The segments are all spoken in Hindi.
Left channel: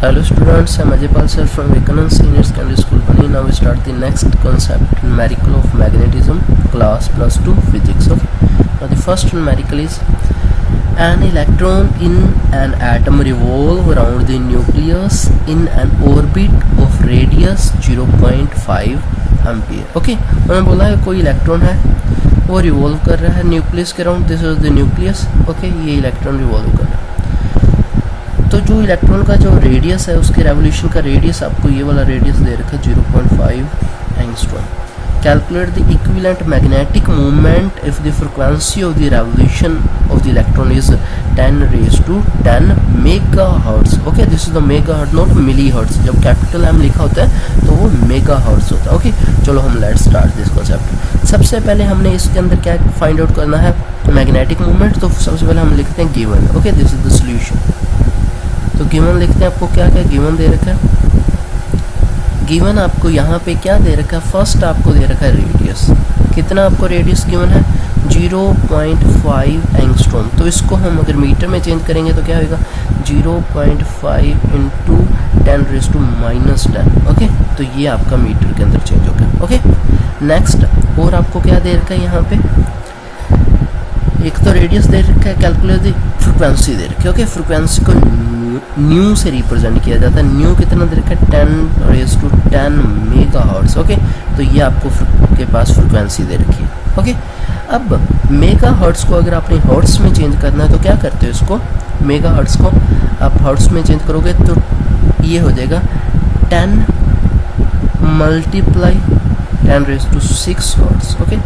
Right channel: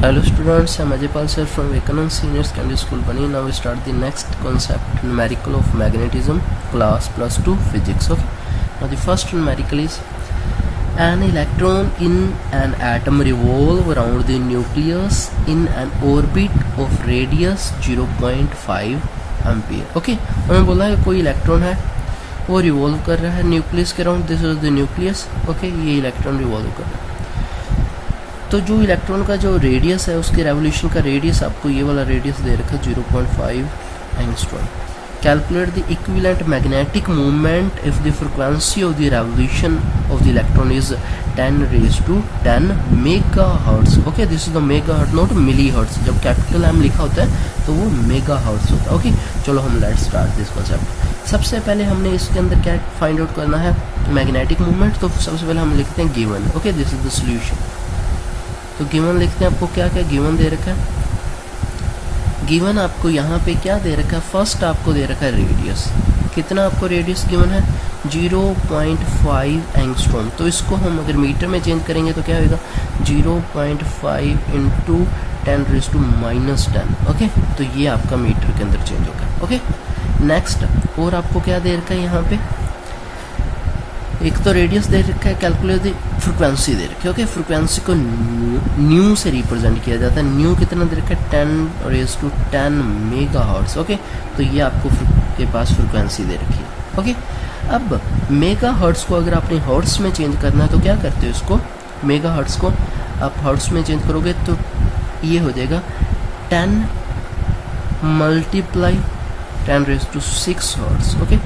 Hello students, I'm Ajaypal sir from Vivekanand Senior Secondary School, Bani. Now we start the next concept, numerical of magnetism, class plus 2 physics. Okay. Now the first numerical is an electron in an atom revolve around the nucleus in an orbit of radius 0.5 ampere. Okay, उन्होंने बोला है कोई इलेक्ट्रॉन है वो रिवॉल्व कर रहा है न्यूक्लियस के around. This is the nucleus. Okay, ये इलेक्ट्रॉन रिवॉल्व कर रहा है. तो जो इलेक्ट्रॉन का जो रेडियस है उसके रेवोल्यूशन का रेडियस आपको ये वाला रेडियस दे रखा है 0.5 angstrom. Calculate the equivalent magnetic movement if the frequency of the revolution of the electron is 10⁻10 megahertz. Okay, this is the megahertz, not millihertz. जब कैपिटल एम लिखा होता है तो वो मेगाहर्ट्ज होता है. ओके, चलो हम लेट्स स्टार्ट दिस कॉन्सेप्ट. सबसे पहले हमने इसके अंदर क्या फाइंड आउट करना है, मैग्नेटिक मूवमेंट. तो सबसे पहले हम लिखते हैं given. Okay, this is the solution. तो गिवन लिखते हैं. आपको क्या क्या गिवन दे रखा है. गिवन आपको यहाँ पे क्या दे रखा है, फर्स्ट आपको दे रखा है रेडियस. कितना आपको रेडियस गिवन है, 0.5 एंगस्ट्रॉम. तो इसको हम अगर मीटर में चेंज करेंगे तो क्या होगा, 0.5 इंटू 10⁻⁻10. ओके, तो ये आपका मीटर के अंदर चेंज होगा. ओके, नेक्स्ट और आपको क्या दे रखा है यहाँ पे, एक तो रेडियस दे रखा है, कैलकुलेट द फ्रिक्वेंसी दे रखी है. ओके, फ्रिक्वेंसी को न्यू से रिप्रेजेंट किया जाता है. न्यू कितना दे रखा है, 10⁻10 मेगाहर्ट्ज. ओके, तो ये आपको के पास फ्रिक्वेंसी दे रखी है. ओके, अब मेगाहर्ट्ज को अगर आपने हर्ट्ज में चेंज करना है तो क्या करते हो, इसको मेगाहर्ट्ज को आप हर्ट्ज में चेंज करोगे तो ये हो जाएगा 10 मल्टीप्लाई 10⁻6 हर्ट्ज. ओके,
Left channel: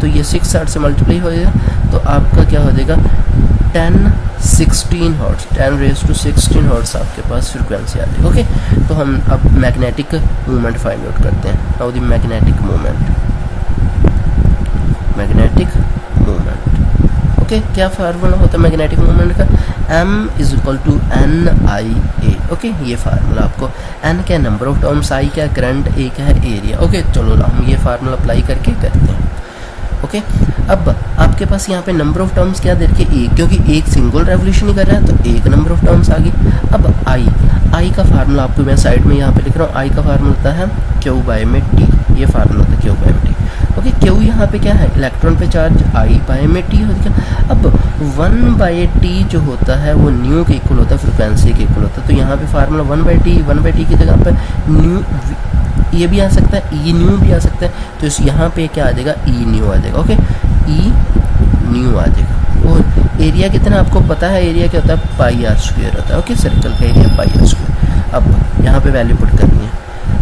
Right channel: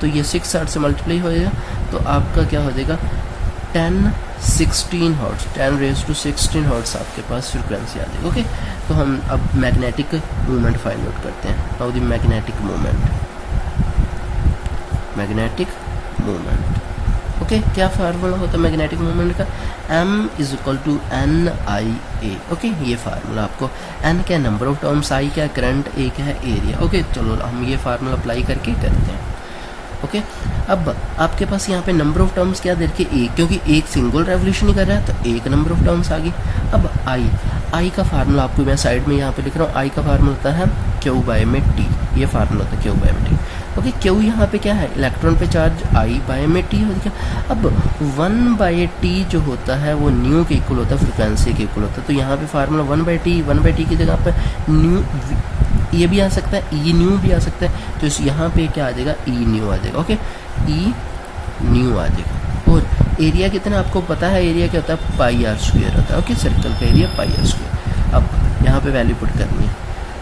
तो ये 6 हर्ट्ज से मल्टीप्लाई हो जाएगा तो आपका क्या हो जाएगा 1016 हर्ट्ज. 10⁻16 हर्ट्ज आपके पास फ्रिक्वेंसी आ जाएगी. ओके, तो हम अब मैग्नेटिक मूवमेंट फाइंड आउट करते हैं. Now the magnetic movement. Okay, क्या फार्मूला होता है मैग्नेटिक मूवमेंट का, m = NIA. ओके, ये फार्मूला आपको, n क्या नंबर ऑफ टर्म्स, I क्या करंट, A क्या है एरिया. ओके, चलो हम ये फार्मूला अप्लाई करके करते हैं. ओके, अब आपके पास यहाँ पे नंबर ऑफ टर्म्स क्या दे रखे, एक, क्योंकि एक सिंगल रेवोल्यूशन ही कर रहा है तो एक नंबर ऑफ टर्म्स आ गई. अब I का फार्मूला आपको मैं साइड में यहाँ पे लिख रहा हूँ. I का फार्मूला होता है Q/T. ये फार्मूला होता है Q/T. ओके, Q यहाँ पे क्या है, इलेक्ट्रॉन पे चार्ज, I/T हो गया. अब 1/T जो होता है वो न्यू के इक्वल होता है, फ्रिक्वेंसी के इक्वल होता है. तो यहाँ पे फार्मूला 1/T की जगह पे न्यू ये भी आ सकता है, ई न्यू भी आ सकता है. तो इस यहाँ पे क्या आ जाएगा, ई न्यू आ जाएगा. ओके, ई न्यू आ जाएगा. और एरिया कितना आपको पता है, एरिया क्या होता है, πr² होता है. ओके, सर्कल का एरिया πr². अब यहाँ पे वैल्यू पुट करनी है.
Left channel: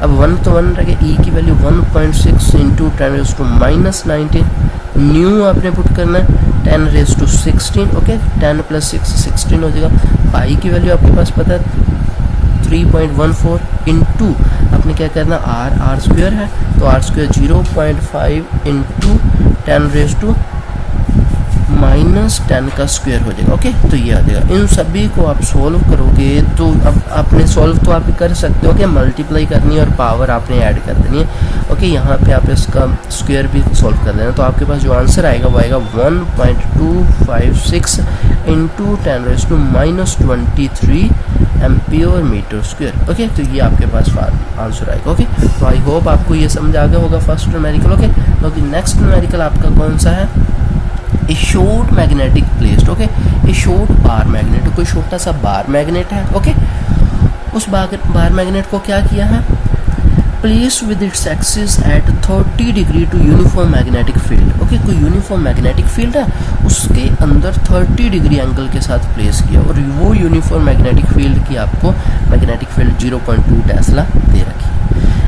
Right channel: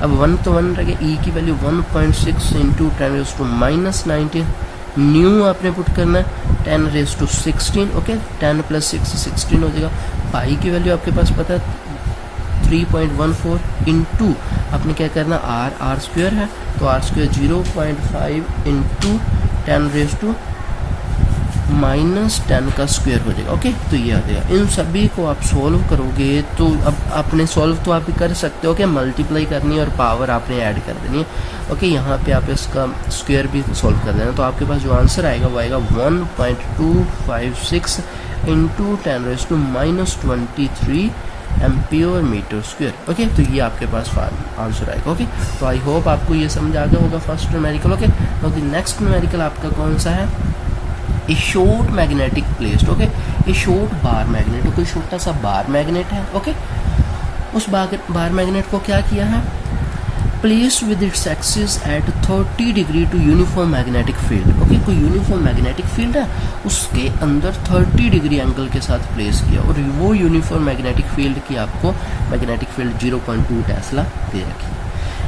अब 1 तो 1 रह गया, ई की वैल्यू 1.6 इंटू 10⁻⁻19. न्यू आपने पुट करना है 10⁻16. ओके, 10 + 6 16 हो जाएगा. पाई की वैल्यू आपके पास पता है 3.14 इंटू आपने क्या करना, r² है तो r² 0.5 इंटू 10⁻⁻10 का स्क्वायर हो जाएगा. ओके, तो ये आ जाएगा. इन सभी को आप सॉल्व करोगे तो अब आपने सॉल्व तो आप कर सकते हो कि मल्टीप्लाई करनी है और पावर आपने ऐड कर देनी है. ओके, यहाँ पे आप इसका स्क्वायर भी सॉल्व कर देना. तो आपके पास जो आंसर आएगा वो आएगा 1.256 into 10⁻23 ampere metre square. Okay, तो ये आपके पास आंसर आएगा. ओके, तो आई होप आपको ये समझ आ गया होगा फर्स्ट न्यूमेरिकल. ओके, तो नेक्स्ट न्यूमेरिकल आपका कौन सा है, ए शॉर्ट मैग्नेटिक प्लेस्ड. ओके, ए शॉर्ट बार मैग्नेट, कोई छोटा सा बार मैग्नेट है. ओके, उस बार मैग्नेट को क्या किया है, place with its axis at 30 degree to uniform magnetic field. Okay, कोई यूनिफॉर्म मैग्नेटिक फील्ड है उसके अंदर 30 डिग्री एंगल के साथ प्लेस किया और वो यूनिफॉर्म मैग्नेटिक फील्ड की आपको मैग्नेटिक फील्ड 0.2 टेस्ला दे रखी.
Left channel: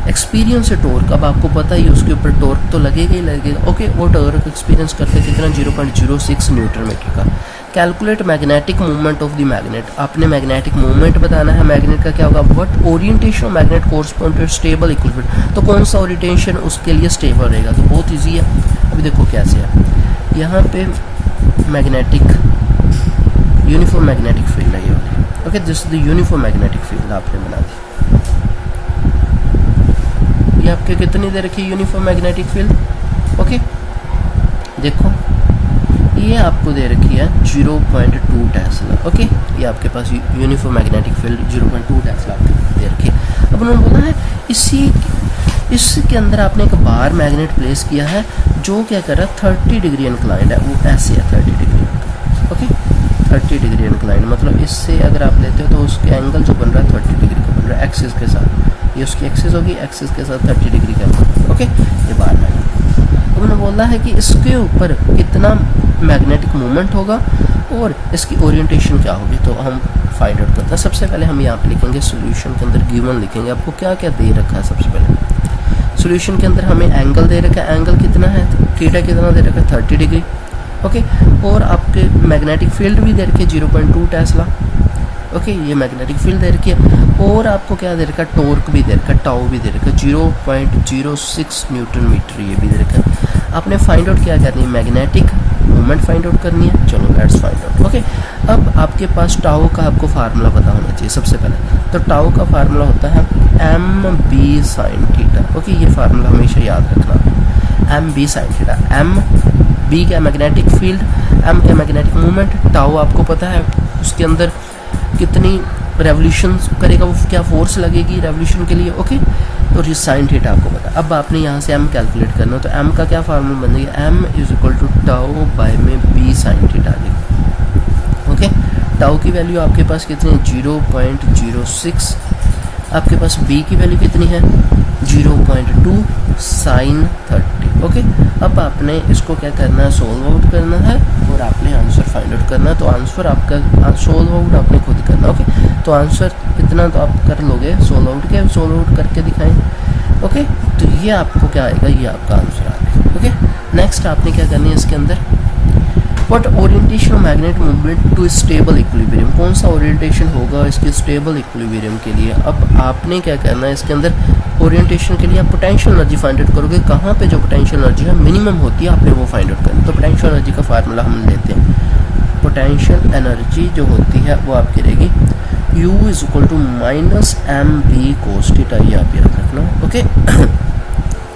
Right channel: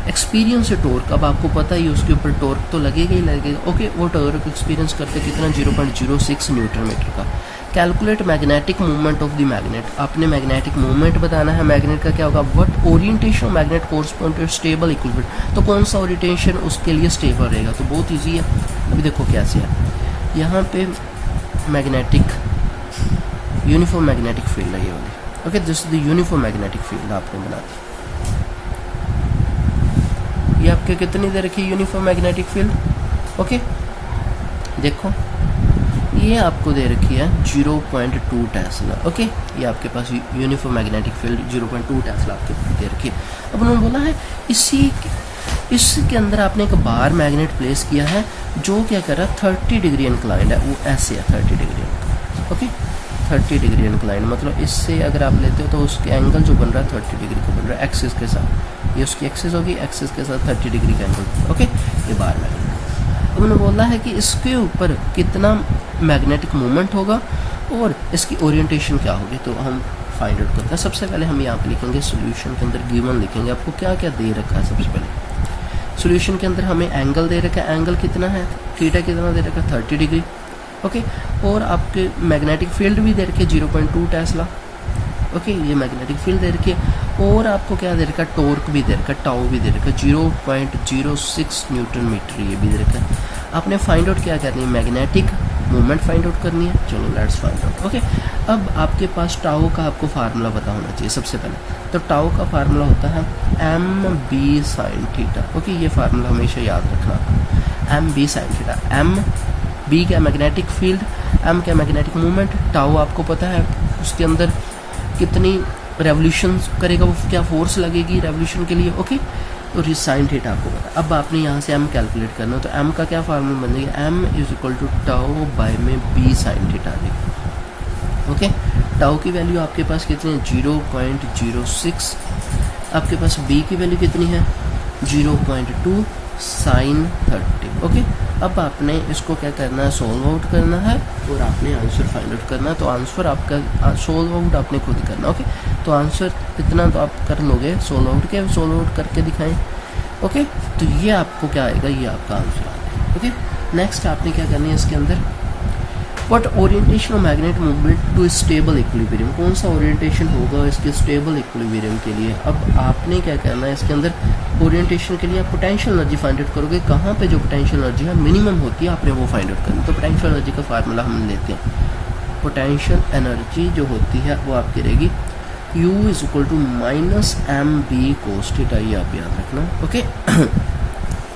एक्सपीरियंस से टॉर्क, अब आपको पता ही उसके ऊपर टॉर्क तो लगेगा ही लगेगा. ओके, वो टॉर्क एक्सपीरियंस करते कितना, 0.06 न्यूटन मीटर का. Calculate magnetic movement of the magnet. आपने मैग्नेटिक मूवमेंट बताना है. मैग्नेट का क्या होगा, what orientation of magnet correspond to stable equilibrium. तो कौन सा ओरिएंटेशन उसके लिए स्टेबल रहेगा, तो बहुत ईजी है. अभी देखो कैसे है, यहाँ पे मैग्नेटिक यूनिफॉर्म मैग्नेटिक फील्ड है ये वाली. Okay, this is the uniform magnetic field आपने बना दी. ये आपके कितनी दे रखी है यूनिफॉर्म मैग्नेटिक फील्ड. ओके, देखो ये आपको दे रखी है 0.2 टेस्ला। ओके, ये आपके पास यूनिफॉर्म मैग्नेटिक फील्ड 0.2 टेस्ला आपके दे रखी है। अब उन्होंने बोला है इसके अंदर आपने एक बार मैग्नेट प्लेस किया है जो क्या कर रहा है 30 डिग्री इंक्लाइंड है, वो ऐसे है 30 डिग्री। ओके, 30 डिग्री इंक्लाइंड मतलब इससे अगर आप लेते हो तो उसके एंगल जो बन रहा है 30 डिग्री का बन रहा है एक्सिस के साथ। ये उसकी एक्सिस होगी, एक्सिस के साथ 30 डिग्री का एंगल। ओके, ये बार मैग्नेट। अब उन्होंने बोला है कि इसके ऊपर कितना मैग्नेटिक मूवमेंट होगा और इसकी ओरिएंटेशन क्या होगी, तो हम फाइंड आउट करते हैं। सबसे पहले हम यहाँ पे लिखेंगे सोल्यूशन के अंदर गिवन लिखेंगे, आपको क्या क्या दे रखा है। सबसे पहले सोल्यूशन के अंदर हमें एंगल दे रखा है, एंगल कितना है, थीटा कितना दे रखा है 30 डिग्री। ओके, और आपके मैग्नेटिक फील्ड भी दे रखी है 0.2 टेस्ला। ओके, ये मैग्नेटिक फील्ड दे रखी है और आपको क्या दे रखा है, टॉर्क भी दे रखा है, टाउ भी दे रखा है 0.06 न्यूटन मीटर, ये भी दे रखा है। आपने फाइंड आउट क्या करनी है, मैग्नेटिक मूवमेंट फाइंड आउट करनी है। चलो लेट्स फाइंड आउट। ओके, अब आपके पास टाउ का आपको फार्मूला पता होना चाहिए सबसे पहले। तो टाउ का फार्मूला होता है mb sin थीटा। ओके, ये फार्मूला हमेशा याद रखना, mb sin थीटा। b क्या मैग्नेटिक फील्ड, m क्या मैग्नेटिक मूवमेंट, टाउ आपको पता है उसके अंदर कितनी रेवोल्यूशन करेगा, वो क्या फोर्स लगेगी रेवोल्यूशन के लिए। ओके, तो ये साइन थीटा आपको पता। अब आपने यहाँ से m कैलकुलेट करना है, तो m का क्या फार्मूला बन जाएगा, m = टाउ बाय में b sin theta. Okay, tau की वैल्यू आपके पास कितनी है 0.06, आपके पास b की वैल्यू कितनी है 0.2 sin 30। ओके, अब आपने इसको क्या करना है, सोल्व आउट करना है और आपने आंसर फाइंड आउट करना है। तो आंसर आपका सोल्व आउट आपने खुद करना। ओके, तो आंसर इतना तो आप कर लोगे, सोल्व आउट करके दिखाएं। ओके, तो ये आपको क्या आएगा, ये आपका आंसर आएगा। ओके, नेक्स्ट आपने क्या करनी है इसके अंदर, what orientation of magnet movement to stable equilibrium, कौन सा ओरिएंटेशन होगा इसके स्टेबल इक्विलिब्रियम के लिए। अब आपने क्या करना है इसके अंदर, ओरिएंटेशन के लिए आप पोटेंशियल एनर्जी फाइंड आउट करोगे, कहाँ पे जो पोटेंशियल एनर्जी है मिनिमम होती है आपने वो फाइंड आउट करनी। तो पोटेंशियल एनर्जी का फार्मूला हम लेते हैं। पोटेंशियल एनर्जी जो होती है वो आपकी रहेगी U = -mb cos थीटा, ये आप याद रखना। ओके,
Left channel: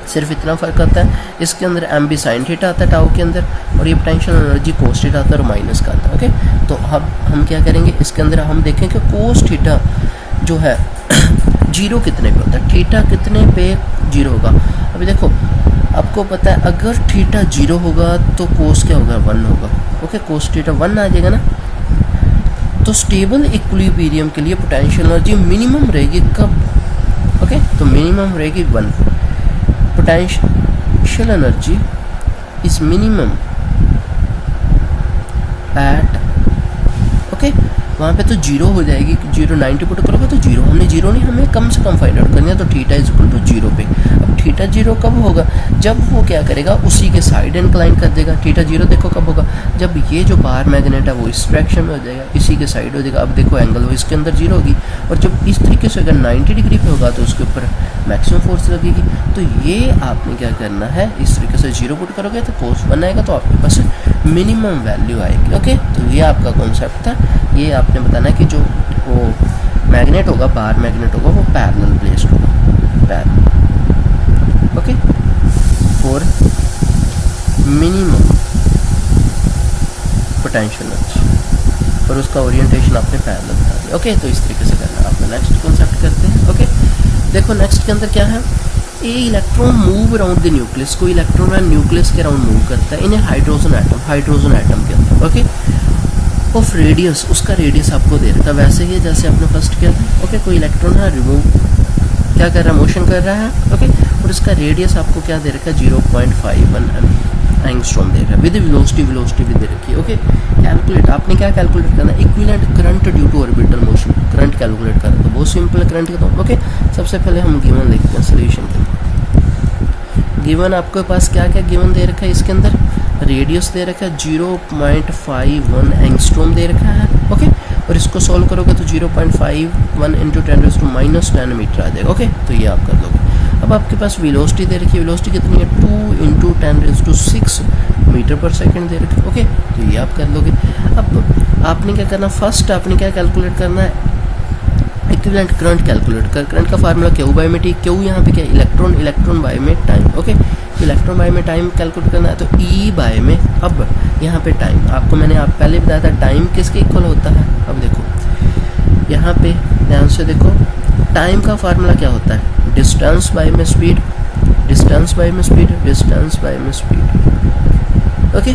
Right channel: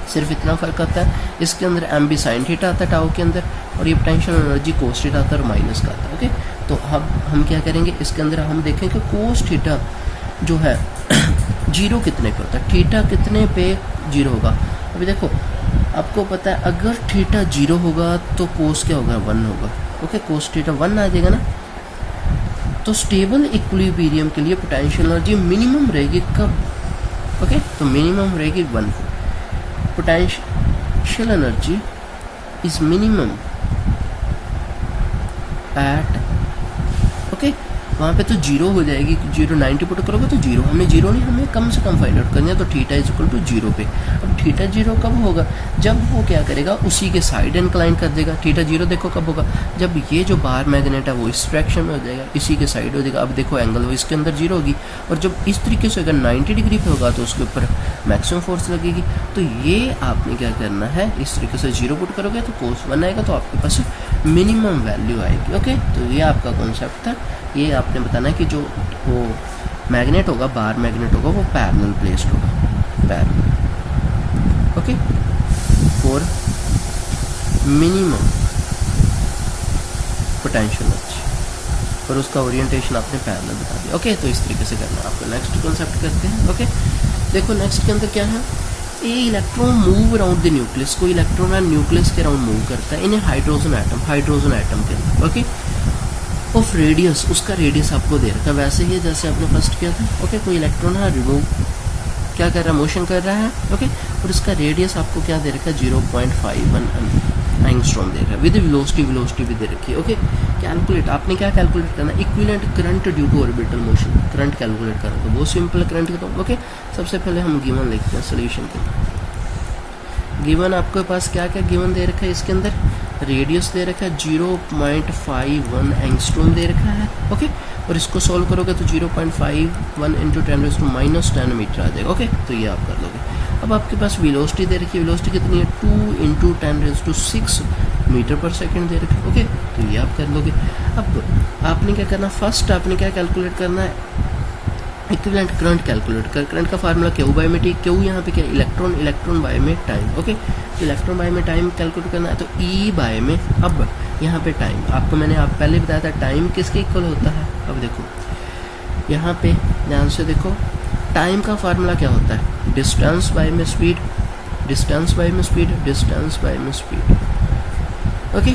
सिर्फ इतना फर्क आता है, इसके अंदर mb sin थीटा आता है टाउ के अंदर, और ये पोटेंशियल एनर्जी cos थीटा आता है और माइनस का आता है। ओके, तो अब हम क्या करेंगे इसके अंदर, हम देखें कि cos थीटा जो है जीरो कितने पे होता है, थीटा कितने पे जीरो होगा। अभी देखो आपको पता है अगर थीटा जीरो होगा तो कोस क्या होगा 1 होगा। ओके, कोस थीटा 1 आ जाएगा ना। तो स्टेबल इक्विलिब्रियम के लिए पोटेंशियल एनर्जी मिनिमम रहेगी कब, ओके, तो मिनिमम रहेगी 1। Potential energy is minimum at, okay, वहाँ पे तो जीरो हो जाएगी, 0.90 पुट करोगे तो जीरो, हमने जीरो नहीं, हमें कम से कम फाइंड आउट करनी है। तो थीटा = 0 पे। अब थीटा 0 कब होगा, जब वो क्या करेगा उसी के साइड इंक्लाइन कर देगा। थीटा 0 देखो कब होगा, जब ये जो बार मैग्नेट है वो इस डायरेक्शन में हो जाएगा, इसी के साइड हो जाएगा। अब देखो एंगल वो इसके अंदर 0 होगी, और जब इस तरीके से अगर 90 डिग्री पे होगा तो उसके ऊपर मैक्सिमम फोर्स लगेगी। तो ये आपने क्या करना है, इस तरीके से 0 पुट करोगे तो कोस 1 आएगा, तो आपके पास मिनिमम वैल्यू आएगी। ओके, तो ये आपका कॉन्सेप्ट था। ये आपने बताना है कि जो वो मैग्नेट होगा, बार मैग्नेट होगा, वो पैरेलल प्लेस्ड होगा, parallel. Okay, for minimum potential energy, और उसका ओरिएंटेशन आपने पैरेलल बता दिया। ओके, तो इस तरीके से करना है। आपको नेक्स्ट कॉन्सेप्ट करते हैं। ओके, देखो नेक्स्ट के अंदर क्या है, a electron move around the nucleus, कोई इलेक्ट्रॉन है न्यूक्लियस के अराउंड मूव करता है इन हाइड्रोजन एटम के अंदर। ओके, ऑफ रेडियस, उसका रेडियस आपको दे रखा है वैसे ही जैसे आपने फर्स्ट किया था। ओके, कोई इलेक्ट्रॉन है रिमूव क्या कर रहा है, मोशन कर रहा है। ओके, और इसका रेडियस आपको क्या दे रखा है 0.51 एंगस्ट्रॉम दे रखा है, विद वेलोसिटी भी दे रखी है। ओके, कैलकुलेट, आपने क्या कैलकुलेट करना है, equivalent current due to orbital motion, current calculate करना। तो बहुत सिंपल करंट का। तो ओके, सबसे पहले हम गिवन लिखते हैं सोल्यूशन के अंदर। गिवन आपके पास क्या क्या गिवन दे रखा है, इसके अंदर रेडियस दे रखा है 0.51 एंगस्ट्रॉम दे रखा है। ओके, और इसको सॉल्व करोगे तो 0.51 × 10⁻⁻10 मीटर आ जाएगा। ओके, तो ये आप कर लोगे। अब आपके पास वेलोसिटी दे रखी है, वेलोसिटी कितनी है 2 × 10⁻6 मीटर पर सेकंड दे रखी है। ओके, तो ये आप कर लोगे। अब आपने क्या करना, फर्स्ट आपने क्या कैलकुलेट करना है, इक्विवेलेंट करंट कैलकुलेट कर, करंट का फार्मूला क्यू बाई में टी, क्यू यहाँ पे क्या इलेक्ट्रॉन, इलेक्ट्रॉन बाय में टाइम, ओके इलेक्ट्रॉन बाय में टाइम कैलकुलेट करना है तो ई बाय में, अब यहाँ पे टाइम आपको मैंने आप पहले बताया था टाइम किसके इक्वल होता है। अब देखो यहाँ पे ध्यान से देखो टाइम का फार्मूला क्या होता है, डिस्टेंस बाय में स्पीड, डिस्टेंस बाय में स्पीड, डिस्टेंस बाय में स्पीड, ओके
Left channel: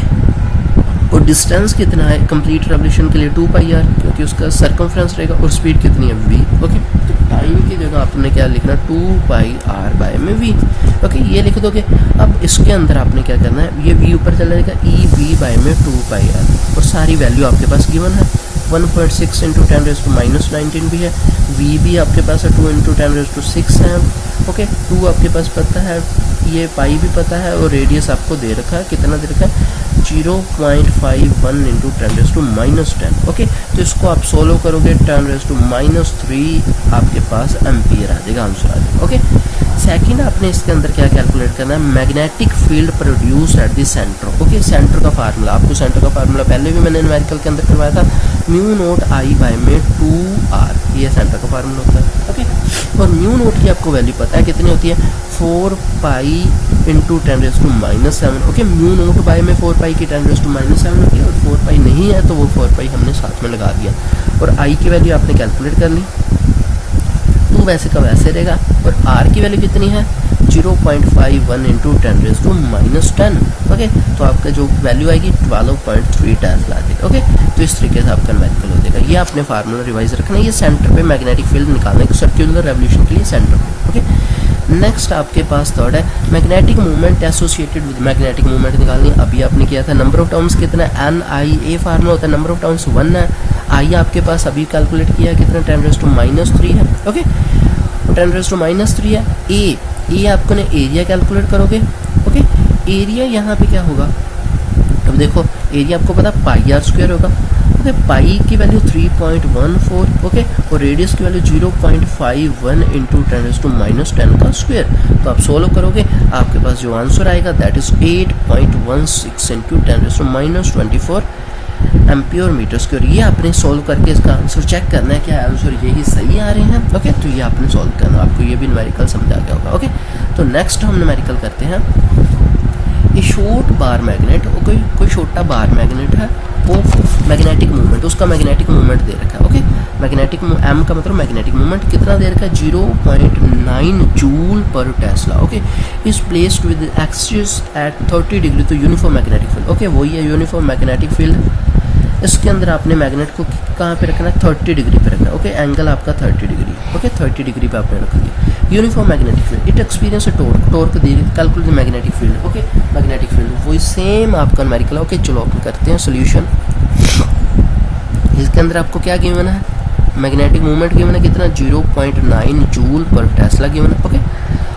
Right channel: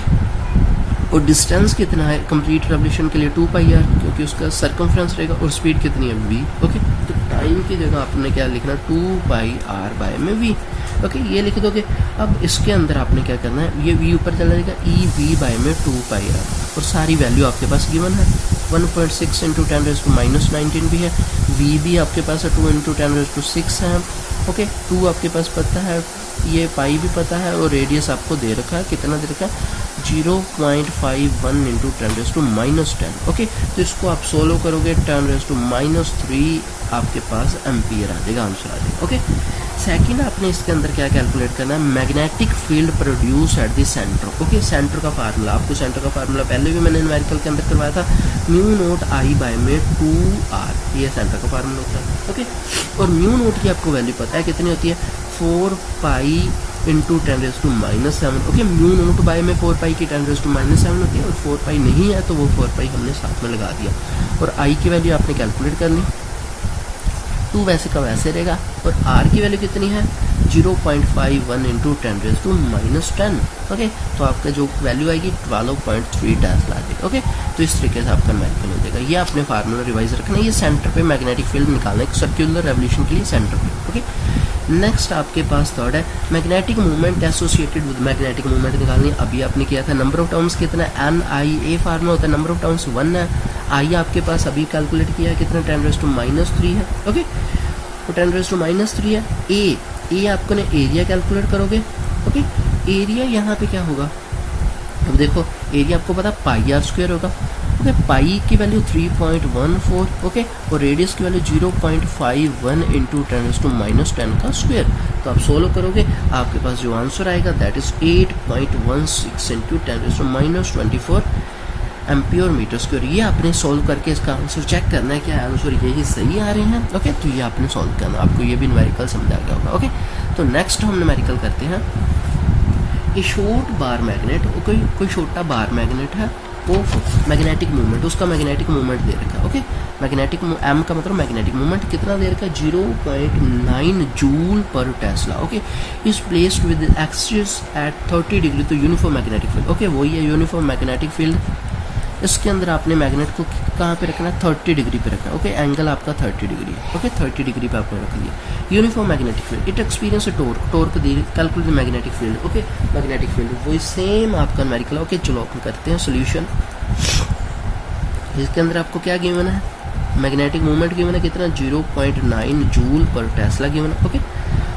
और डिस्टेंस कितना है कंप्लीट रेवोल्यूशन के लिए 2 पाई आर, क्योंकि उसका सर्कमफ्रेंस रहेगा, और स्पीड कितनी है v, ओके तो टाइम की जगह आपने क्या लिखना 2 पाई आर बाय में v, ओके ये लिख दोगे। अब इसके अंदर आपने क्या करना है, ये v ऊपर चला जाएगा ई v बाय में 2 पाई आर, और सारी वैल्यू आपके पास गिवन है 1.6 इंटू 10⁻19 भी है, v भी आपके पास है 2 इंटू 10⁻6 है, ओके 2 आपके पास पता है, ये पाई भी पता है, और रेडियस आपको दे रखा है, कितना दे रखा है 0.51 इंटू 10⁻10, ओके तो इसको आप सोल्व करोगे 10⁻³ आपके पास एम्पियर आ जाएगा, आंसर आ जाएगा, ओके। सेकंड आपने इसके अंदर क्या कैलकुलेट करना है, magnetic field produce at the centre, okay centre का फार्मूला, आपको सेंटर का फार्मूला पहले भी मैंने न्यूमेरिकल के अंदर करवाया था, म्यू नोट आई बाय में 2r, ये सेंटर का फार्मूला होता है, ओके और म्यू नोट की आपको वैल्यू पता है कितनी होती है 4 pi into 10⁻⁷, okay mu naught by में 4 पाई की 10⁻⁷ होती है, और 4 पाई नहीं है तो वो 4 पाई हमने साथ में लगा दिया, और आई की वैल्यू आपने कैलकुलेट कर ली, 2 वैसे का वैसे रहेगा, और r की वैल्यू कितनी है 0.51 इंटू 10⁻10, ओके तो आपका जो वैल्यू आएगी 12.3 टेस्ला आ जाएगा, ओके तो इस तरीके से आपका मैग्नेटिक हो जाएगा। ये आपने फार्मूला रिवाइज रखना है, ये सेंटर पे मैग्नेटिक फील्ड निकालना है सर्कुलर रेवोल्यूशन के लिए सेंटर पे, ओके। नेक्स्ट आपके पास थर्ड है magnetic movement associated with, magnetic movement निकालनी, अभी आपने किया था नंबर ऑफ टर्म्स कितना एन आई, ए फार्मूला होता है नंबर ऑफ टर्म्स 1 है, आई आपके पास अभी कैलकुलेट किया है कितना 10⁻³ है, ओके 10⁻³ है, ए आपको ने एरिया कैलकुलेट करोगे, ओके एरिया यहाँ पे क्या होगा, अब देखो एरिया आपको पता πr² होगा, ओके पाई की वैल्यू 3.14, ओके और रेडियस की वैल्यू 0.51 इंटू 10⁻10 का स्क्वायर, तो आप सोल्व करोगे आपके पास जो आंसर आएगा that is 8.16 into 10⁻24 ampere metre square. ये आपने सोल्व करके इसका आंसर चेक करना है क्या आंसर यही सही आ रहे हैं, ओके तो ये आपने सोल्व करना, आपको ये भी न्यूमेरिकल समझ आ गया होगा, ओके तो नेक्स्ट हम न्यूमेरिकल करते हैं। ये शॉर्ट बार मैग्नेट, ओके कोई छोटा बार मैग्नेट है, वो मैग्नेटिक मूवमेंट, उसका मैग्नेटिक मूवमेंट दे रखा है, ओके मैग्नेटिक एम का मतलब मैग्नेटिक मूवमेंट कितना दे रखा है 0.9 joule per Tesla, okay is placed with axis at 30 degree तो यूनिफॉर्म मैग्नेटिक फील्ड, ओके वही है यूनिफॉर्म मैग्नेटिक फील्ड, इसके अंदर आपने मैग्नेट को कहाँ पे रखना है 30 डिग्री पे रखना है, ओके एंगल आपका 30 डिग्री, ओके 30 डिग्री पे आपने रख लिया। Uniform magnetic field it experience torque the calculate magnetic field, okay magnetic field वही सेम आपका न्यूमेरिकल, ओके चलो अपन करते हैं सोल्यूशन। इसके अंदर आपको क्या गिवन है मैग्नेटिक मूवमेंट गिवन है कितना 0.9 जूल पर टेस्ला गिवन है, ओके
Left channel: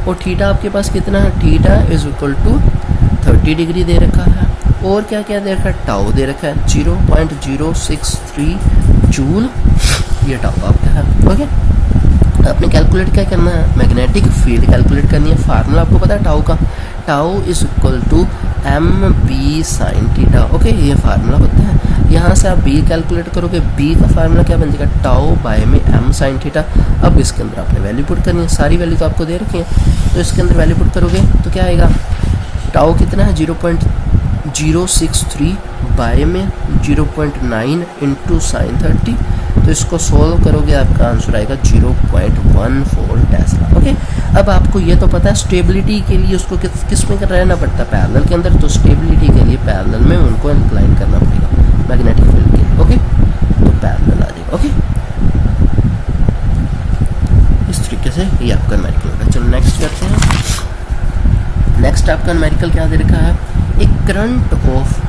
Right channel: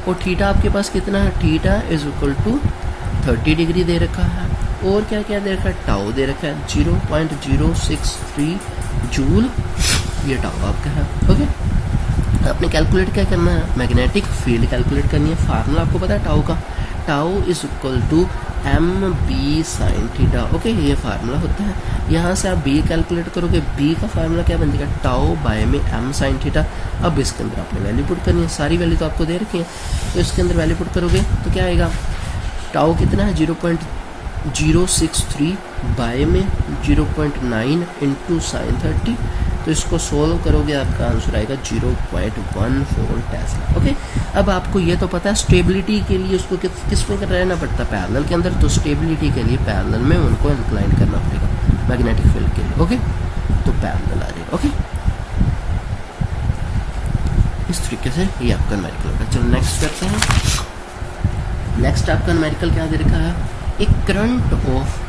और थीटा आपके पास कितना है, theta is equal to 30 degree दे रखा है, और क्या क्या दे रखा है टाउ दे रखा है 0.063 जूल, ये टाउ आपका है, ओके आपने कैलकुलेट क्या करना है मैग्नेटिक फील्ड कैलकुलेट करनी है, फार्मूला आपको पता है टाउ का, tau is equal to M B sine theta, okay ये फार्मूला होता है। यहाँ से आप बी कैलकुलेट करोगे, बी का फार्मूला क्या बन जाएगा टाउ बाय में एम साइन थीटा। अब इसके अंदर आपने वैल्यू पुट करनी है, सारी वैल्यू तो आपको दे रखी है, तो इसके अंदर वैल्यू पुट करोगे तो क्या आएगा टाउ कितना है 0.063 बाय में 0.9 इंटू साइन 30, तो इसको सोल्व करोगे आपका आंसर आएगा 0.14 टेस्ला, ओके। अब आपको ये तो पता है स्टेबिलिटी के लिए उसको किस में रहना पड़ता है पैरेलल के अंदर, तो स्टेबिलिटी के लिए पैरेलल में उनको इंक्लाइन करना पड़ेगा मैग्नेटिक फील्ड के, ओके तो पैरेलल आ जाएगा, ओके इस तरीके से ये आपका न्यूमेरिकल होगा। चलो नेक्स्ट करते हैं। नेक्स्ट आपका न्यूमेरिकल क्या दे रखा है, a current of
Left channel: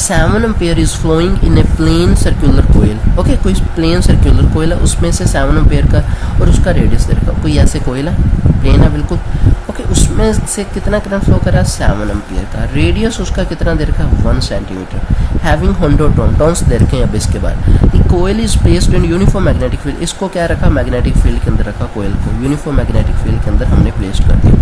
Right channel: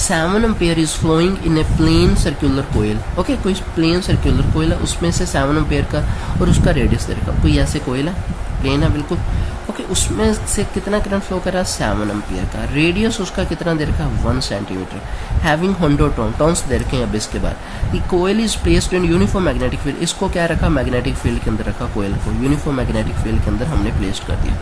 7 ampere is flowing in a plane circular coil, okay कोई प्लेन सर्कुलर कोयल है उसमें से 7 एम्पेयर का और उसका रेडियस दे रखा, कोई ऐसे कोयल है प्लेन है बिल्कुल, ओके उसमें से कितना करंट फ्लो कर रहा है 7 एम्पेयर का, रेडियस उसका कितना दे रखा है 1 सेंटीमीटर, हैविंग 100 टर्न्स दे रखे हैं। अब इसके बाद the coil is placed in uniform magnetic field, इसको क्या रखा मैग्नेटिक फील्ड के अंदर रखा कोयल को, यूनिफॉर्म मैग्नेटिक फील्ड के अंदर हमने प्लेस्ड कर दिया।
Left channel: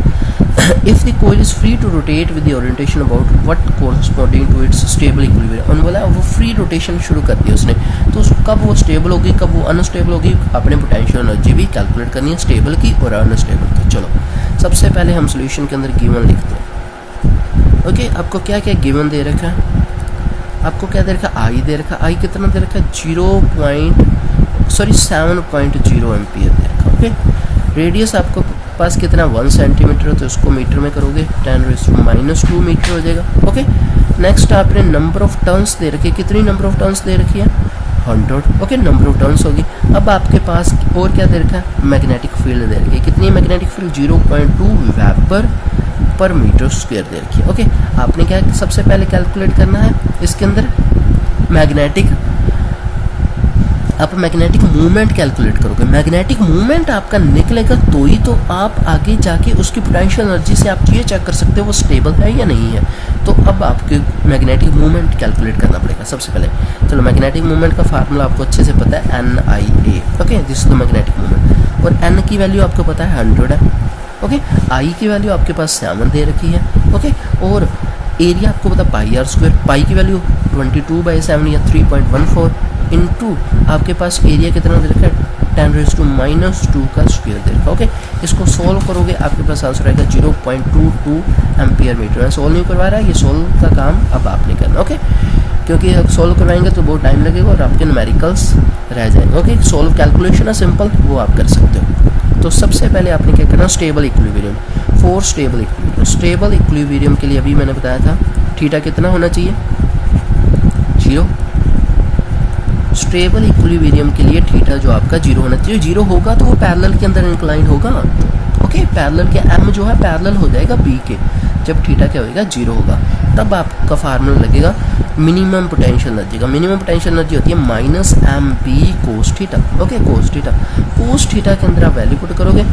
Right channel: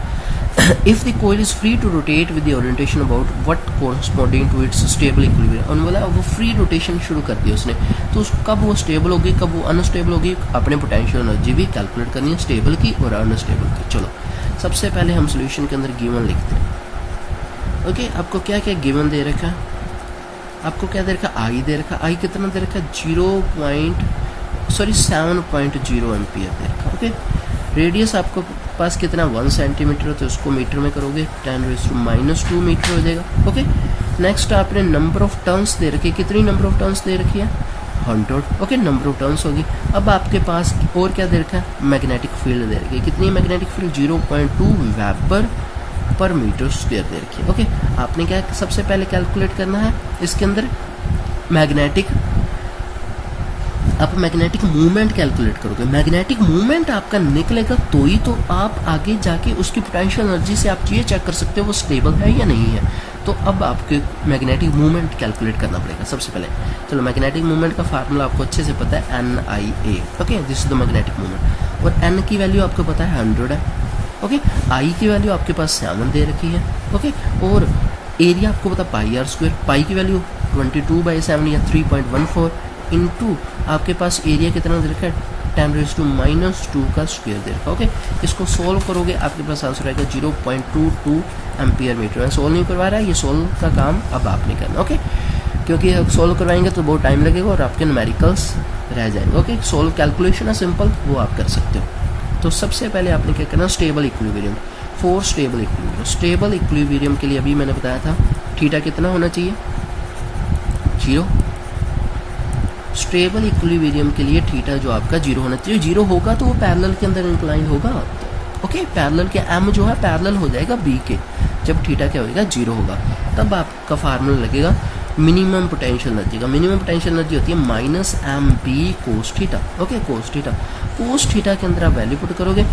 if the coil is free to rotate with the orientation about what corresponding to its stable equilibrium, और बोला वो फ्री रोटेशन शुरू कर दी उसने, तो कब वो स्टेबल होगी कब वो अनस्टेबल होगी, अपने पोटेंशियल एनर्जी भी कैलकुलेट करनी है स्टेबल की और अनस्टेबल की। चलो सबसे पहले हम सोल्यूशन के अंदर गिवन लिखते हैं। ओके, आपको क्या क्या गिवन दे रखा है, आपको क्या दे रखा, आई दे रखा, आई कितना दे रखा, 7.0 एम्पियर दे रखा। ओके, रेडियस आपको पास कितना 1 सेंटीमीटर हो, तो उसको मीटर में करोगे 10⁻² मीटर हो जाएगा। ओके, नेक्स्ट आपने नंबर ऑफ टर्न्स दे रखी है, कितनी नंबर ऑफ टर्न्स दे रखी है 100। ओके, नंबर ऑफ टर्न्स होगी। अब आपके पास और क्या दे रखा है, मैग्नेटिक फील्ड दे रखी है, कितनी magnetic field 0.2 weber per meter square दे रखी है। ओके, आपने क्या सबसे पहले कैलकुलेट करना है इसके अंदर मैग्नेटिक, आप मैग्नेटिक मूवमेंट कैलकुलेट करोगे। मैग्नेटिक मूवमेंट आपका निकलेगा तो ही तो आप आगे जाके उसकी पोटेंशियल एनर्जी से आप ये चेक कर सकते हो वो स्टेबल है या नहीं है। तो अब आपके मैग्नेटिक मूवमेंट कैलकुलेट करना पड़ेगा सबसे पहले। चलो, मैग्नेटिक मूवमेंट का फार्मूला आपको अच्छे से पता है, NIA। Okay, this is the magnetic movement, और N की वैल्यू आपको पता है 100 है। ओके, I की वैल्यू आपके पास 7 दे रखी है। ओके, और एरिया आपको पता πr², पाई की वैल्यू 22/7 या 3.14 इंटू आपके पास एरिया कितना दे रखा है 10⁻² का स्क्वायर दे रखा। ओके, इसको सोल्व करोगे आपके पास आंसर आएगा 0.22 एम्पियर मीटर। मैं सोल्व नहीं करवा रहा, ये सोल्व का काम अब आपने करना। ओके, क्योंकि अब सोल्व करवाएंगे तो बहुत टाइम लगेगा और आपके न्यूमेरिकल्स रह जाएंगे। ओके, सोल्व कैलकुलेशन है सिंपल, वो आप कर सकते हो। तो सबसे पहले आपने क्या करना, stable equilibrium, for stable equilibrium. Stable equilibrium के लिए अभी मैंने बताया था थीटा कितना होना चाहिए 0। स्टेबल इक्विलिब्रियम के लिए थीटा जो आपका 0 होना चाहिए। 0 होगा तो वो पैरेलल के अंदर इंक्लाइन होगा। ओके, पैरेलल के m जो है पैरेलल हो जाएगा b के, जब थीटा क्या होगा 0 होगा, तब आपका फार्मूला लगेगा मिनिमम पोटेंशियल एनर्जी का। मिनिमम पोटेंशियल एनर्जी होती है -mb cos theta. Okay, cos theta, cos theta के अंदर आप वैल्यू पुट करोगे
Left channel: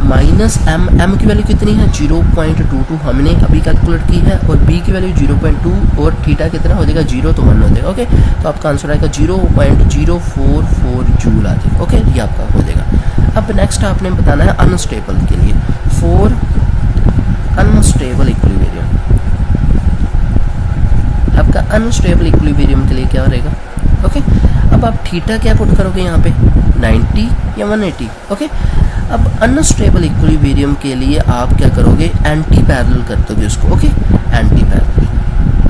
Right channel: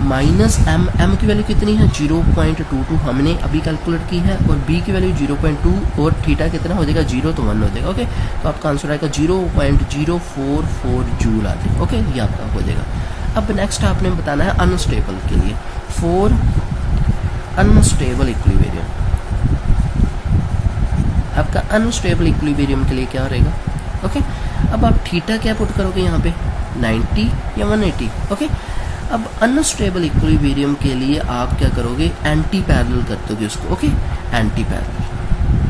-m की वैल्यू कितनी है 0.22 हमने अभी कैलकुलेट की है, और b की वैल्यू 0.2 और थीटा कितना हो जाएगा 0 तो 1 हो जाएगा। ओके, तो आपका आंसर आएगा 0.044 जूल आ जाएगा। ओके, ये आपका हो जाएगा। अब नेक्स्ट आपने बताना है अनस्टेबल के लिए, फॉर अनस्टेबल इक्विलिब्रियम। आपका अनस्टेबल इक्विलिब्रियम के लिए क्या रहेगा। ओके, अब आप थीटा क्या पुट करोगे यहाँ पे 90 या 180। ओके, अब अनस्टेबल इक्विलिब्रियम के लिए आप क्या करोगे, एंटी पैरेलल कर दोगे उसको। ओके, एंटी पैरेलल,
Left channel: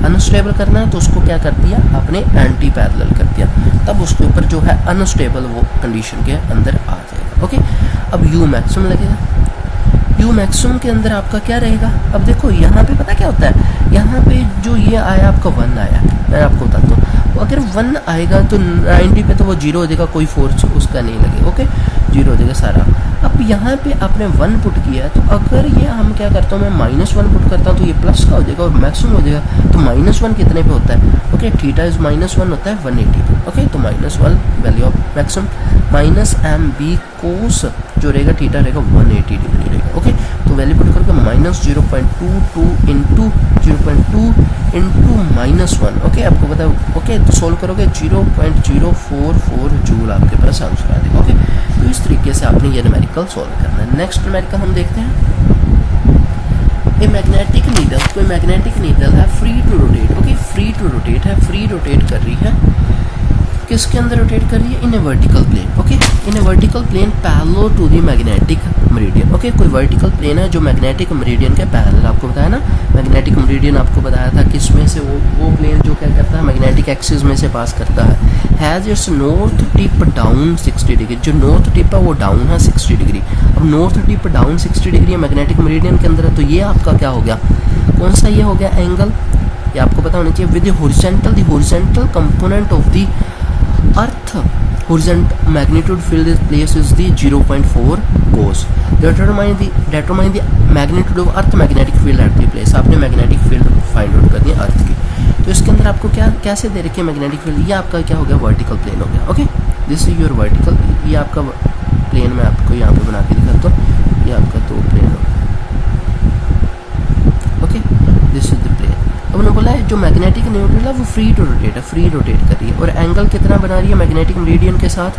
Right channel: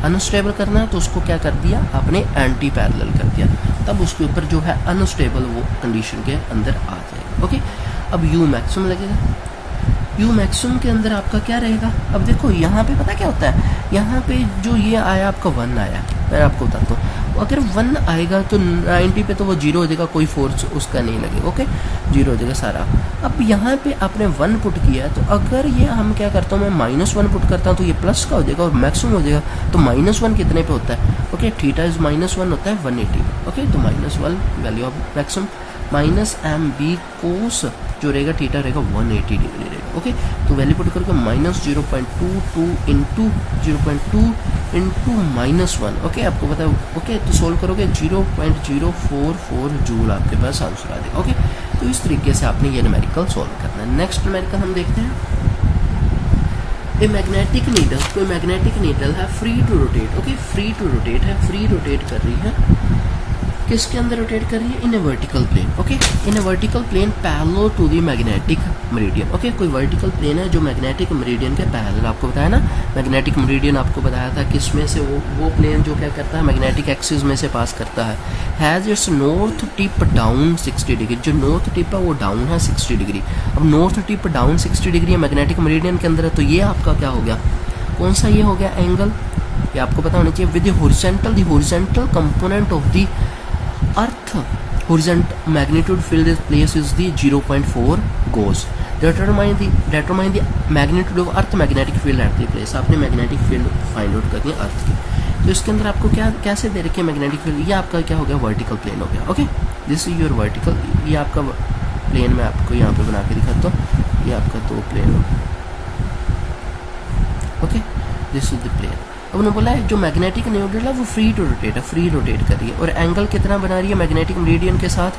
अनस्टेबल करना है तो उसको क्या कर दिया आपने, एंटी पैरेलल कर दिया, तब उसके ऊपर जो है अनस्टेबल वो कंडीशन के अंदर आ जाएगा। ओके, अब यू मैक्सिमम लगेगा। यू मैक्सिमम के अंदर आपका क्या रहेगा, अब देखो यहाँ पे पता क्या होता है, यहाँ पे जो ये आया आपका 1 आया, मैं आपको बताता हूँ, अगर 1 आएगा तो 90 पे तो वो 0 हो जाएगा, कोई फोर्स उसका नहीं लगेगा। ओके, 0 हो जाएगा सारा। अब यहाँ पे आपने 1 पुट किया है, तो अगर ये हम क्या करता हूँ, मैं -1 पुट करता हूँ तो ये प्लस का हो जाएगा और मैक्सिमम हो जाएगा। तो -1 कितने पे होता है, ओके, थीटा इज -1 होता है 180 पे। ओके, तो -1 value of maximum -mb cos जो रहेगा थीटा रहेगा 180 डिग्री रहेगा। ओके, तो वैल्यू पुट करके -0.22 इंटू 0.2 इंटू -1। ओके, आपको पता है। ओके, तो सोल्व करोगे 0.044 जूल आपके पास आंसर आ जाएगा। ओके, तो इस तरीके से आपने ये न्यूमेरिकल सोल्व करना है। नेक्स्ट न्यूमेरिकल हम देखते हैं, ए मैग्नेटिक नीडल, कोई मैग्नेटिक नीडल है free to rotate. Okay, free to rotate है, फ्री रोटेट कर रही है, किसके अंदर रोटेट कर रही है, in a vertical plane. Okay, in a vertical plane parallel to the magnetic meridian. Okay, कोई वर्टिकल प्लेन है जो मैग्नेटिक मेरिडियन के पैरेलल, आपको बताया ना मैग्नेटिक मेरिडियन आपको बताया था किस में से, वो प्लेन जो क्या करता है मैग्नेटिक एक्सिस में से पास करता है, has its north tip down 60 degree. जो नॉर्थ टिप है वो डाउन है 60 डिग्री। अब north tip down 60 degree magnetic meridian के अंदर है, तो ये आपका क्या हो गया, कौन सा ये हो गया एंगल, ये आपको पता होना चाहिए, with the horizontal component of the earth horizontal magnitude field is place is the 0.4 cos. Determine the magnitude of earth magnetic field at the place. आपने मैग्नेटिक फील्ड फाइंड आउट करनी है अर्थ की। तो इसके अंदर आपको क्या कैसे दे रखी है मैग्नेटिक फील्ड, ये आपका क्या हो गया वर्टिकल प्लेन हो गया। Okay, this is your vertical, ये आपका प्लेन मैं आपको यहाँ पे बना के दिखाता हूँ, ये आपका 2 प्लेन हो गया। Okay, this is the plane. अब उन्होंने बोला है जो मैग्नेटिक न्यूट्रल है वो फ्री टू रोटेट है, फ्री रोटेट कर रही है, और एंगल कितना बना रही है मैग्नेटिक मेरिडियन के साथ,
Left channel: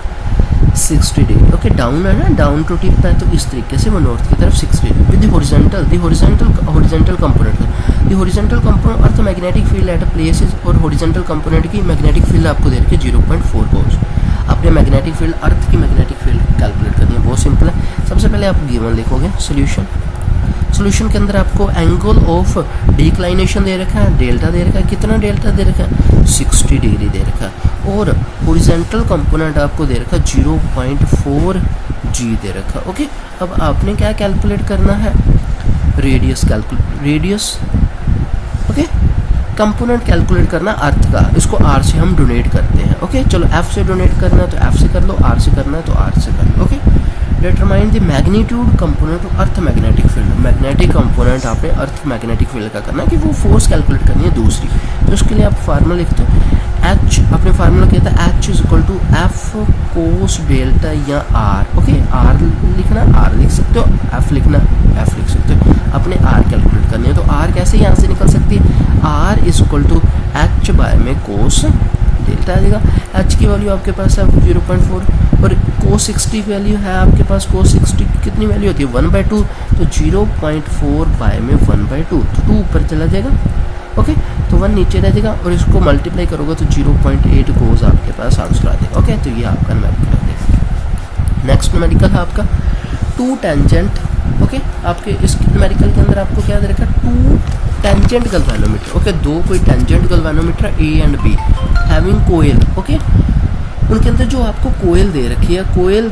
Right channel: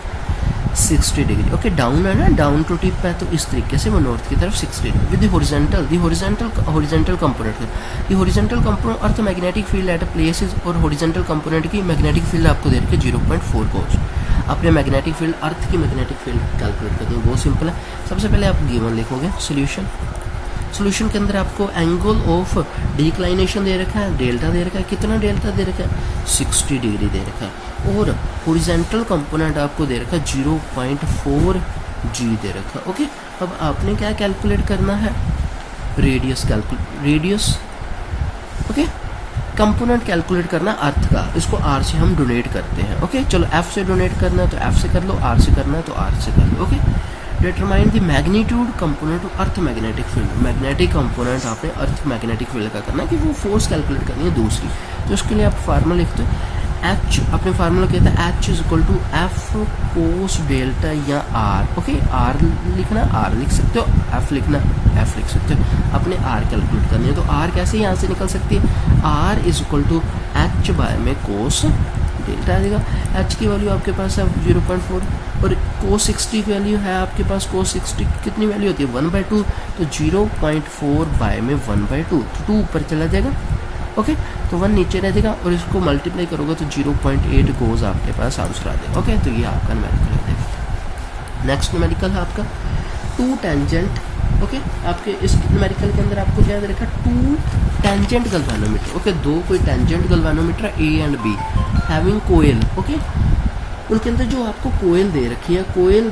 60 डिग्री। ओके, डाउन है ना, डाउन टू टिप है, तो इस तरीके से वो नॉर्थ की तरफ 60 degree with horizontal component. The horizontal component earth magnetic field at a place is, और हॉरिजॉन्टल कंपोनेंट की मैग्नेटिक फील्ड आपको दे रखी है 0.4 कोस। आपने मैग्नेटिक फील्ड, अर्थ की मैग्नेटिक फील्ड कैलकुलेट करनी है, बहुत सिंपल है। सबसे पहले आप गिवन लिखोगे सोल्यूशन के अंदर आपको एंगल ऑफ डिक्लाइनेशन दे रखा है, डेल्टा दे रखा है। कितना डेल्टा दे रखा है? 60 डिग्री दे रखा है। और हॉरिजॉन्टल कंपोनेंट आपको दे रखा है 0.4 जी दे रखा है। ओके, अब आपने क्या कैलकुलेट करना है? रेडियस ओके, कंपोनेंट कैलकुलेट करना अर्थ का, इसको आर से हम डोनेट करते हैं। ओके, चलो एफ से डोनेट करना है तो एफ से कर लो, आर से करना है तो आर से कर लो। Okay, determine the magnitude component of earth magnetic field. Magnetic component आपने अर्थ मैग्नेटिक फील्ड का करना है कि वो फोर्स कैलकुलेट करनी है दूसरी। तो उसके लिए आप फार्मूला लिखते हो एच, अपने फार्मूला कहता है H is equal to F cos delta या आर। ओके, आर लिखना आर लिख सकते हो, एफ लिखना एफ लिख सकते हो। अपने आर कैलकुलेट करनी है तो आर कैसे यहाँ से निकल सकती है? R is equal to H by में कोस डेल्टा आ जाएगा। एच की वैल्यू आपके पास है 0.4 और कोस 60 की वैल्यू है आपके पास। कोस 60 कितनी वैल्यू होती है? 1/2, तो 0.4 बाय में 1/2, तो 2 ऊपर चला जाएगा। ओके, तो 1 नीचे रह जाएगा और इसको मल्टीप्लाई करोगे तो 0.8 कोस आपके पास आंसर आ जाएगा। ओके, तो ये आपका न्यूमेरिकल है। नेक्स्ट न्यूमेरिकल है आपका 2 टेंजेंट। ओके, आपके इस न्यूमेरिकल के अंदर आपको क्या दे रखा है? 2 टेंजेंट गल्वेनोमीटर। ओके, दो कोई tangent galvanometer A and B having coil. Okay, उनके अंदर जो आपको कोयल दे रखी है, कोयल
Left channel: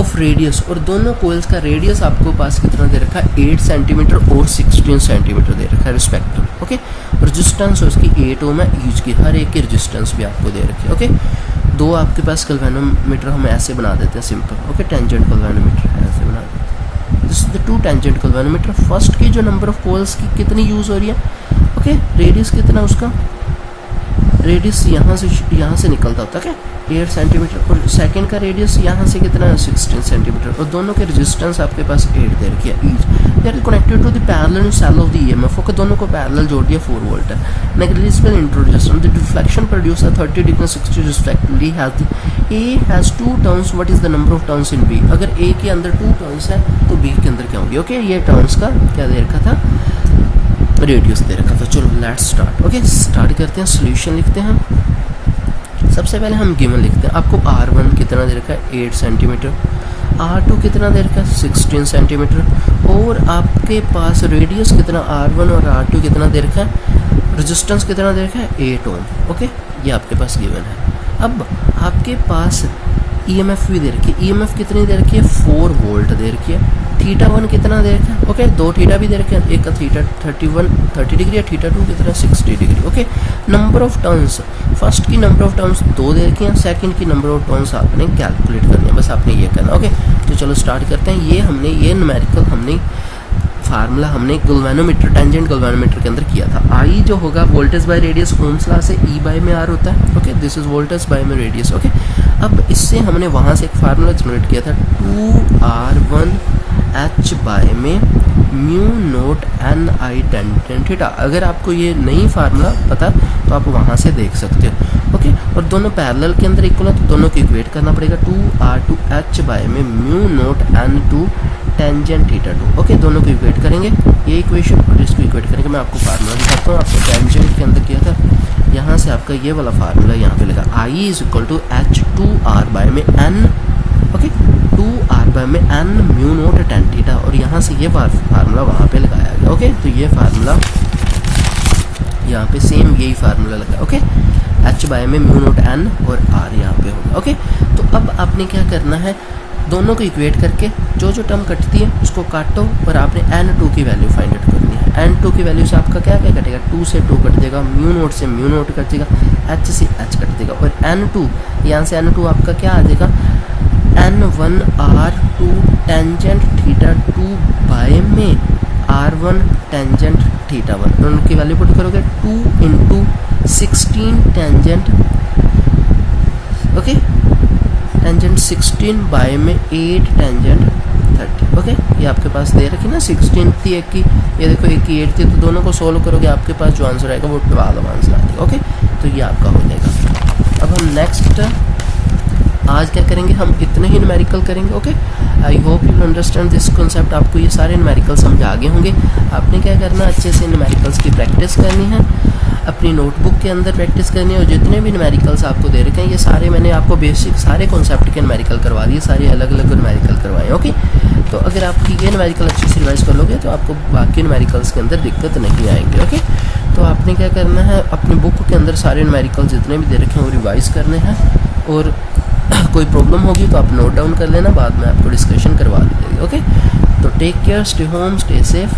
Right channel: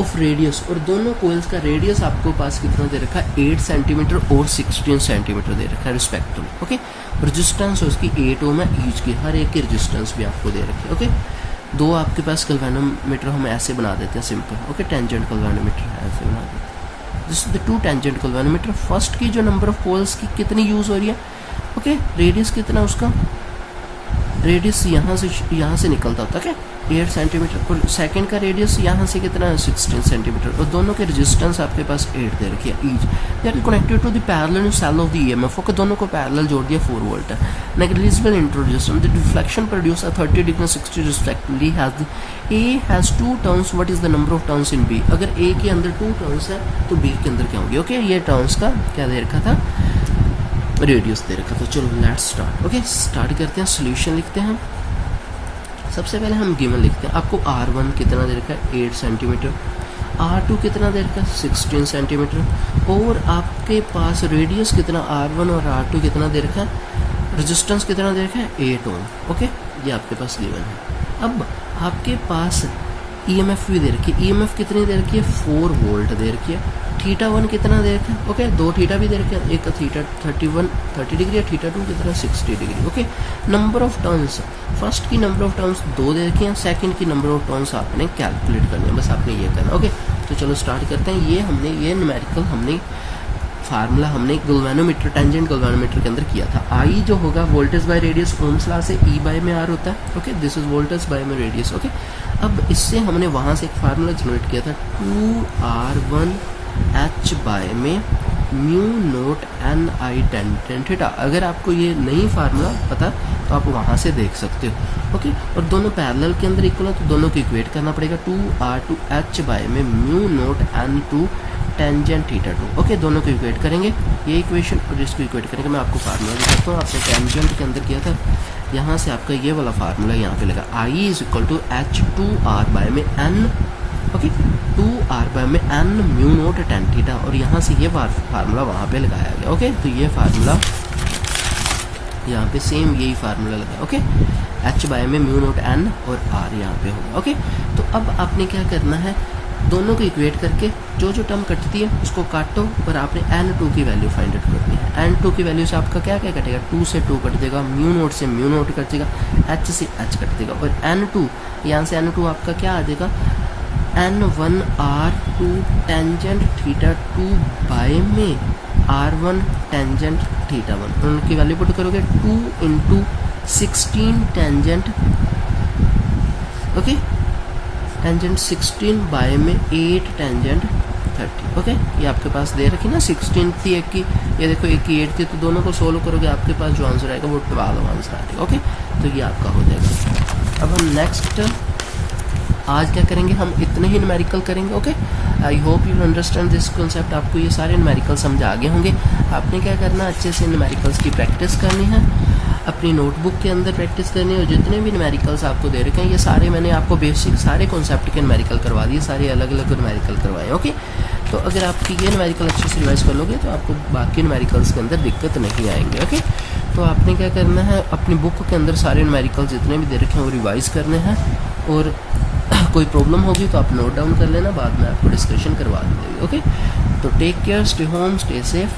ऑफ रेडियस, और दोनों कोयल्स का रेडियस आपको पास कितना दे रखा है? 8 सेंटीमीटर और 16 सेंटीमीटर दे रखा है रिस्पेक्टिव। ओके, रेजिस्टेंस उसकी 8 ओम है ईच की, हर एक की रेजिस्टेंस भी आपको दे रखी है। ओके, दो आपके पास गल्वेनोमीटर हम ऐसे बना देते हैं सिंपल। ओके, टेंजेंट गल्वेनोमीटर ऐसे बना देते हैं। This is the 2 tangent galvanometer. First की जो नंबर ऑफ कोयल्स की कितनी यूज हो रही है? ओके, रेडियस कितना उसका? रेडियस यहाँ से निकलता होता है 8 सेंटीमीटर, और सेकंड का रेडियस यहाँ से कितना है? 16 सेंटीमीटर, और दोनों के रेजिस्टेंस आपके पास 8 दे रखी है each. They are connected to the parallel cell of the EMF. Okay, दोनों को पैरेलल जोड़ दिया, 4 वोल्ट है। Negligible introduction, the deflection produce 30 degree और 60 respectively has A has 2 turns. What is the number of turns in B? अगर ए के अंदर 2 टर्न्स है तो बी के अंदर क्या होंगे? ओके, ये टर्न्स का क्या दे रखा था? रेडियस दे रखा था। चलो लेट्स स्टार्ट। ओके, स्टार्ट करते हैं, सोल्यूशन लिखते हैं। सबसे पहले हम गिवन लिखते हैं। आपको R1 कितना दे रखा है? 8 सेंटीमीटर। R2 कितना दे रखा है? 16 सेंटीमीटर। और आपके पास रेडियस कितना? R1 और R2 कितना दे रखा है? रेजिस्टेंस कितना दे रखा है? 8 ओम। ओके, ये आपके पास गिवन है। अब आपके पास EMF भी दे रखी है। EMF कितनी दे रखी है? 4 वोल्ट दे रखी है। θ1 कितना दे रखा है? ओके, 2 थीटा भी दे रखे हैं, एक का थीटा 30 डिग्री है, θ2 कितना 60 degree. Okay, number of turns, first की नंबर ऑफ टर्न्स 2 दे रखे हैं, सेकंड की नंबर ऑफ टर्न्स आपने कैलकुलेट करनी है, बस आपने ये करना। ओके, तो चलो स्टार्ट करते हैं। ये न्यूमेरिकल हमने फार्मूला गल्वेनोमीटर, टेंजेंट गल्वेनोमीटर के अंदर किया था। आई जो होगा voltage by radius, Ohm's law से ई बाय में आर होता है। Okay, this is voltage bye में रेडियस। ओके, अब इससे हमने वहां से एक फार्मूला जनरेट किया था 2R1 H बाय में म्यू नोट एन आई टेंजेंट थीटा। अगर आपको ये नहीं फार्मूला पता तो आप वहां से देख सकते हो। ओके, और दोनों पैरेलल के अंदर इक्वल है तो दोनों को इक्वेट करना पड़ेगा। 2R2 H बाय में mu naught N two tangent θ2। Okay, दोनों को इक्वेट करेंगे, ये इक्वेशन और इसको इक्वेट करेंगे। मैं आपको फार्मूला दिखाता हूँ। आपने टेंजेंट के अंदर किया था, यहाँ से आपका ये वाला फार्मूला यहाँ पे लगा। I is equal to H2R by में एन। ओके, 2R बाय में N mu naught tan theta, और यहाँ से ये फार्मूला वहाँ पे लगाया गया। ओके, तो ये फार्मूला यहाँ पे सेम यही फार्मूला लगा। ओके, H बाय में म्यू नोट एन और R यहाँ पे होगा। ओके, तो अब आपने क्या करना है? दोनों को इक्वेट करके जो जो टर्म कटती है उसको काटो, और आपने n2 की वैल्यू फाइंड आउट करनी है। n2 की वैल्यू से आपका क्या क्या कटेगा? 2 से 2 कट जाएगा, म्यू नोट से म्यू नोट कट जाएगा, h से h कट जाएगा, और n2 यहाँ से n2 आपका क्या आ जाएगा? n1R2 टेंजेंट θ2 बाय में R1 टेंजेंट θ1। तो उनकी वैल्यू पुट करोगे 2 into 16 tangent. Okay, tangent 16 by में 8 टेंजेंट 30। ओके, ये आपके पास दे रखी ना, 16 थी एक की, ये देखो एक की 8 थी, तो दोनों को सोल्व करोगे आपके पास जो आंसर आएगा वो 12 आंसर आएगा। ओके, तो ये आपका हो जाएगा। अब हम नेक्स्ट आज क्या करेंगे, हम इतने ही न्यूमेरिकल करेंगे। Okay, I hope you understand this concept. आपको ये सारे न्यूमेरिकल समझ आ गए होंगे। आपने क्या करना, अच्छे से न्यूमेरिकल्स की प्रैक्टिस करनी है, अपनी नोटबुक के अंदर प्रैक्टिस करनी है। और जितने भी न्यूमेरिकल्स आपको दे रखे हैं, ये सारे मैंने आपको बेसिक सारे कॉन्सेप्ट के न्यूमेरिकल करवा दिए, सारे अलग अलग न्यूमेरिकल करवाए। ओके, तो अगर आप ये न्यूमेरिकल अच्छे से रिवाइज कर लोगे तो आपको बाकी न्यूमेरिकल्स के अंदर दिक्कत नहीं आएंगे। ओके, तो आपने क्या करना है, अपनी बुक के अंदर सारे न्यूमेरिकल जितने भी दे रखे हैं वो रिवाइज करने हैं, और कोई प्रॉब्लम होगी तो आप नोट डाउन कर लेना, बाद में आपको डिस्कशन करवा देंगे। ओके, तो take care, stay home, stay safe.